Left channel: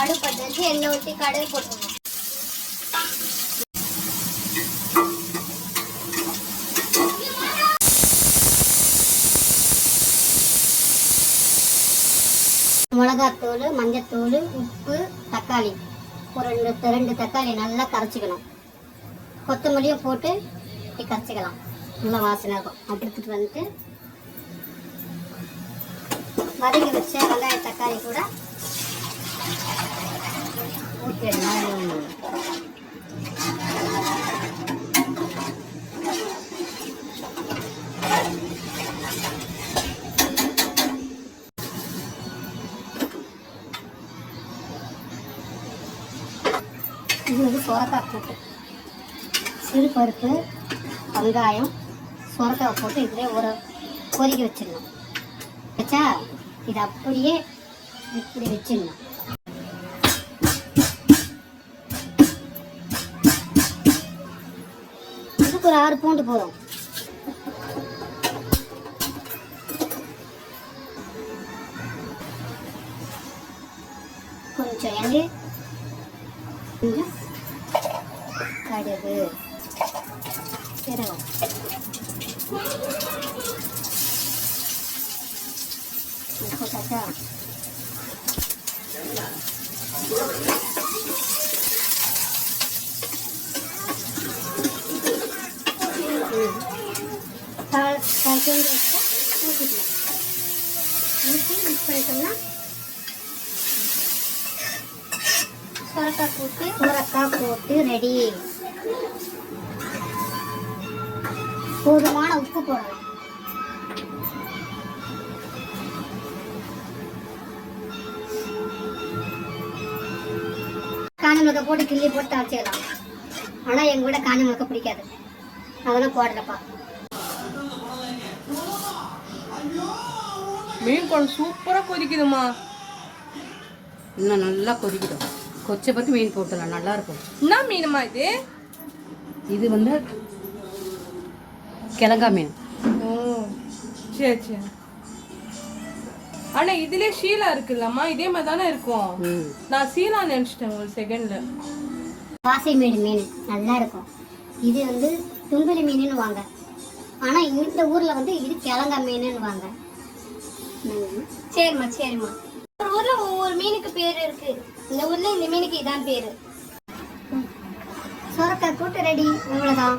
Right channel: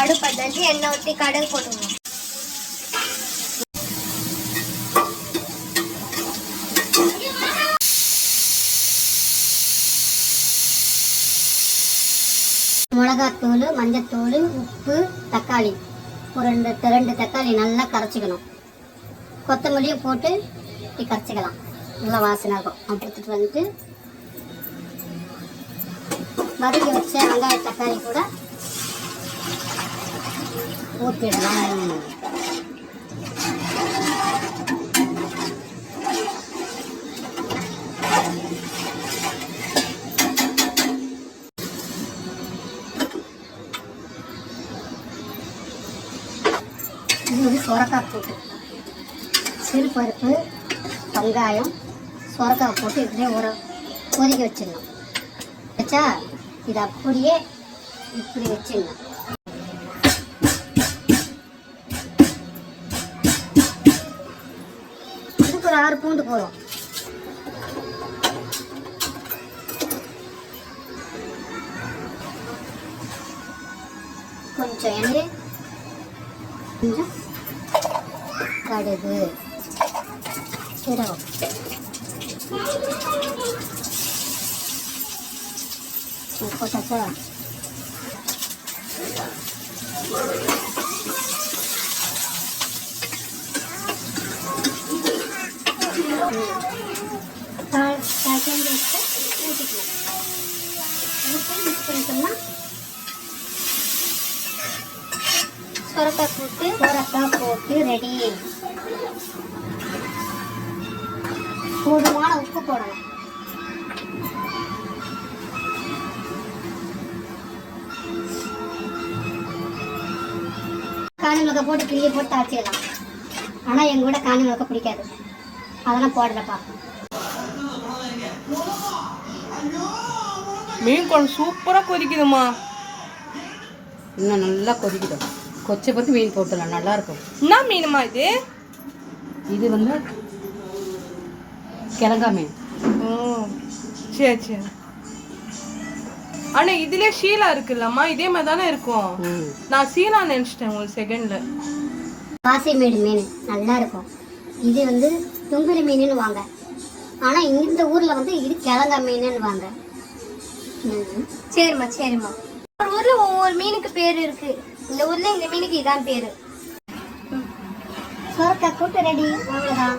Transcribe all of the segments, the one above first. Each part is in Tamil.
அடுப்பை வச்சு எண்ணெய் ஊற்றி கடுகு போட்டுக்கணும். மிளகாத்தூள் மஞ்சத்தூள் உப்பு தக்காளி. ஒரு ரெண்டு ரெண்டு தக்காளி நல்லா கரைச்சிக்கணும். கொத்தமல்லியும் போட்டு இப்படி கரைச்சிக்கலாம். நல்லா வாசனை இருக்கும். அப்படி எடுத்துகிட்டு வந்துட்டு வதக்கி வச்ச வெங்காய தக்காளி கூட ஊற்றிடலாம் வந்து சொரக்காய் போட்டு. சிறு பருப்பு வெங்காயம் சொரக்காய் போட்டு இதிலே ஊற கொதிக்க வச்சிடணும் வச்சா இது அப்படியே இப்படி வச்சிடணும் இதுக்கு ஒரு ஆறு பூண்டு போதும் கொஞ்சம் எண்ணெய் கொஞ்சம் கடுகு சீரகம் உப்பு சுரக்காய் சொரக்காய் போட்டு சொரக்காய் போட்டு ரெடி போதுமான உப்பு போடணும் காணி மிளகாய் போட்டு கிள்ளி போட்டு தவச்சிடலாம் ஆனால் எங்கூட காணி மிளகாய் பிடிக்காது. அதெல்லாம் போடுறப்பா மீன் குழம்பு சூப்பரா கொதிக்குதுமா இன்னும் நல்லா கொதிக்கிடும் கொச்சை பற்றி மீன் போட்டுடலாம். நல்லா இருக்கும். என்ன மீனுமா இது? இது வந்து கிழங்கா மீன். ஓ சரி சரி. ஆனா இதுலயே ஷீலா இருக்குல்லம்மா. இதே மாதிரி தானே இருக்கும். நான் சீலா நினைச்சிட்டேன் உங்களுக்கு செகண்ட்ல பாசி மீன் மீன். நல்லா இருக்கும். இது வந்து தும்பிரி மீனுன்னு வாங்க ஆனால் இந்த ஊரில் வந்து இது கிழங்கா மீனுன்னு வாங்க சரிம்மா சரிம்மா. ஒரு ஊரில் ஒவ்வொரு மீனுக்கு பேர் இருக்கு. இந்த ஊரில் இந்த மீனுக்கு இதான் பேர். சொரக்காய் கூட்டு ரெடி. அவ்வளோதான்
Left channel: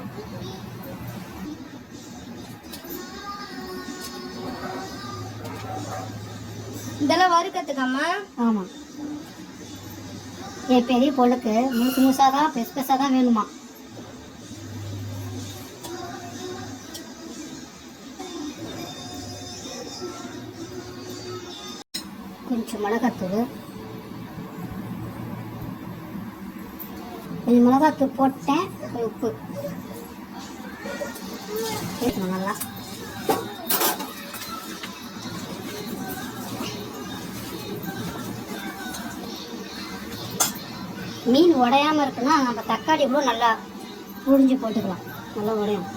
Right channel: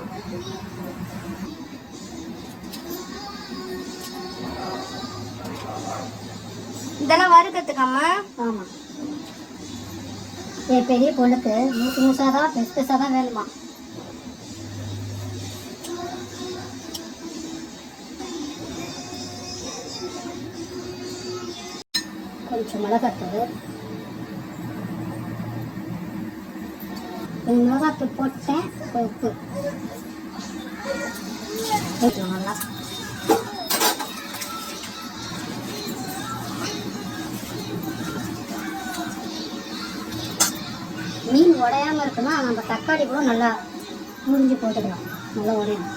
இதெல்லாம் வறுக்கிறதுக்காமா ஆமாம் என் பெரிய பொண்ணுக்கு மூசு முழுசாக தான் பெருசு பெருசாக தான் வேணுமா? கொஞ்சம் மிளகாத்தூள். கொஞ்சம் மிளகாத்தூள் போட்டேன் கொஞ்சம் உப்பு. சேர்க்கணும் நல்லா. மீன் உடையாமல் இருக்குன்னா நம்ம தக்காளி கூட நல்லா புரிஞ்சு போட்டுக்கலாம். நல்லா உடையும்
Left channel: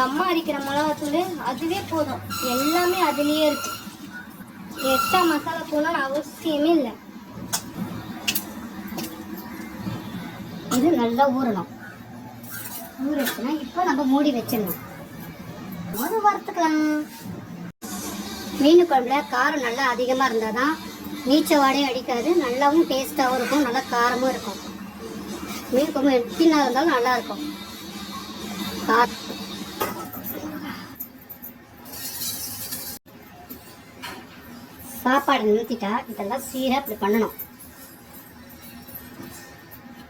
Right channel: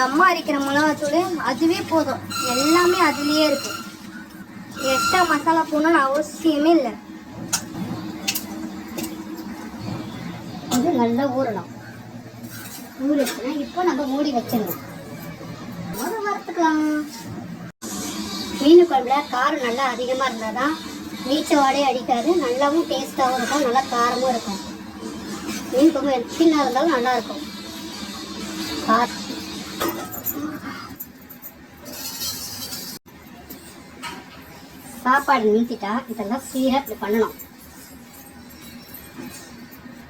எங்கள் அம்மா அரைக்கிற மிளகாத்தூள் அதுவே போதும். எல்லாமே அதுலேயே இருக்கும். எக்ஸ்ட்ரா மசாலா போடணும்னு அவசியமே இல்லை. இது நல்லா ஊறணும். ஊறிடுச்சுன்னா இப்போ நம்ம மூடி வச்சிடணும். அது வறுத்துக்கலாம். மீன் குழம்புல காரம் நல்லா அதிகமாக இருந்தால் தான் நீச்ச அடிக்காது. நல்லாவும் டேஸ்ட்டாகவும் இருக்கும். நல்லா காரமும் இருக்கும். மீன் குழம்பு எத்தினா இருந்தாலும் நல்லாயிருக்கும் இருக்கும். சாப்பாடு நிறுத்திட்டா இதெல்லாம் சீராக இப்படி பண்ணணும்.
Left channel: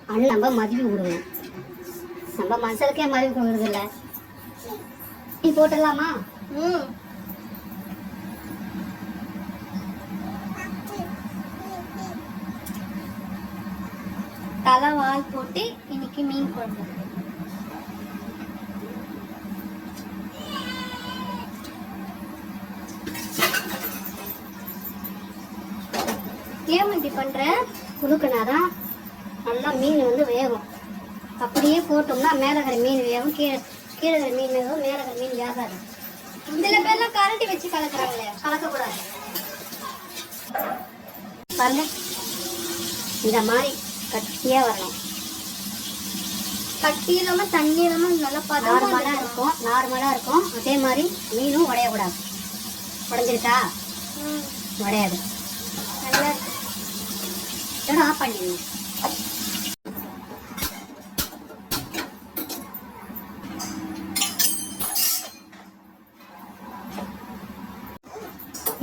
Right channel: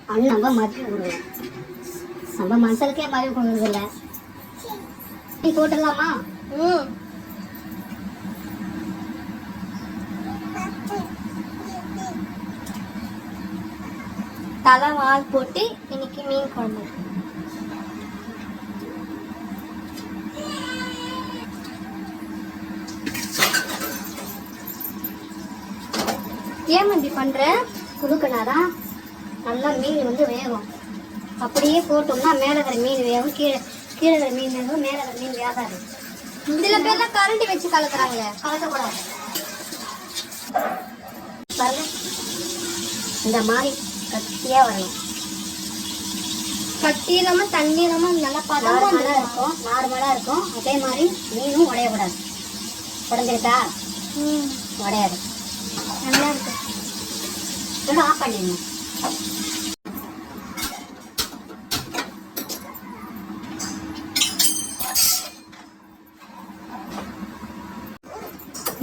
அண்ணன் நம்ம மதியம் விடுவோம் நம்ம மனுஷனுக்கே மதியம் கொடுக்குறது இல்ல? நீ போட்டுடலாமா? ம். தலை வால் போட்டு இன்னைக்கு மீன் குழம்பு. ஏன் இப்படி பண்ற? குடுக்கனாதான் நல்லா மீன் வந்து வேகும். அப்படியே போட்டோம்னா மேலே இருக்கிற மீன் வேகும் கீழே கீழே இருக்கிற மீன் வேகும் மேலே இருக்கிற மீன் வேகாது சில பேர்லாம் கரண்டி வச்சு கலக்குறாங்களே கலக்கக்கூடாது. பாருங்க. இந்த மாதிரி கட்டியாக வரணும். கட்டி இல்லாம தண்ணி இல்லாம நல்லா நார்மலாக இருக்கும் நார்மலாக இருக்கும். அதே மாதிரி மீனும் உடையக்கூடாது. உடஞ்சிருக்கா ம், உடையாது. இதோட ஆஃப் பண்ணிடணும்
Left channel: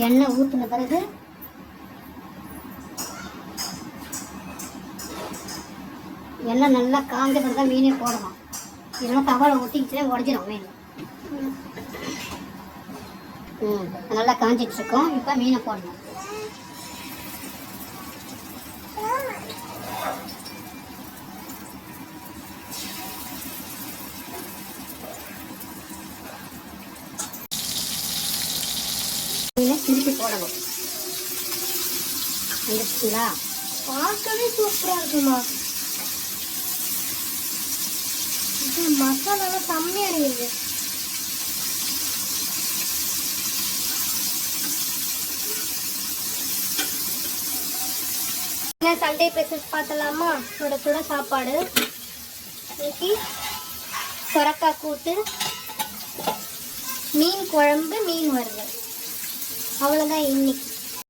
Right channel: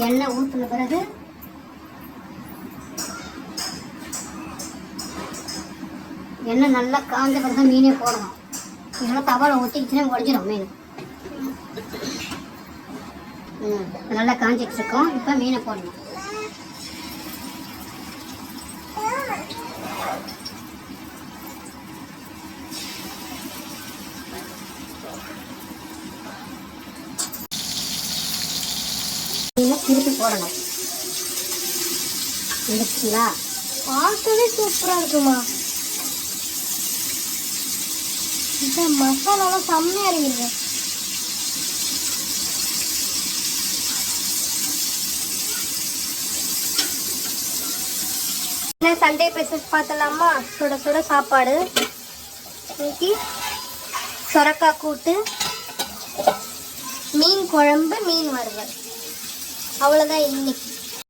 எண்ணெய் ஊற்றின பிறகு எண்ணெய் நல்லா காஞ்ச பிறகு தான் மீனே போடணும். இல்லைன்னா தவளை ஊற்றிக்கிச்சுன்னா உடஞ்சிடும் மீன். நல்லா காஞ்சிட்டு இருக்கோம். இப்போ மீனை போடணும். மீனை திருப்பி போடணும். வந்துச்சுங்களா பார்க்கவே சூப்பரா இருக்குமா? இந்த மசாலாலாம் செம்மையா இருக்குது. சண்டே ஸ்பெஷல்ஸ் பார்த்தலாமா சுட சுட சாப்பாடு. இன்னைக்கு சொரக்காய் கூட்டு மீன் குழம்பு மீன் வறுவல். அவ்வளோதான் இன்னைக்கு.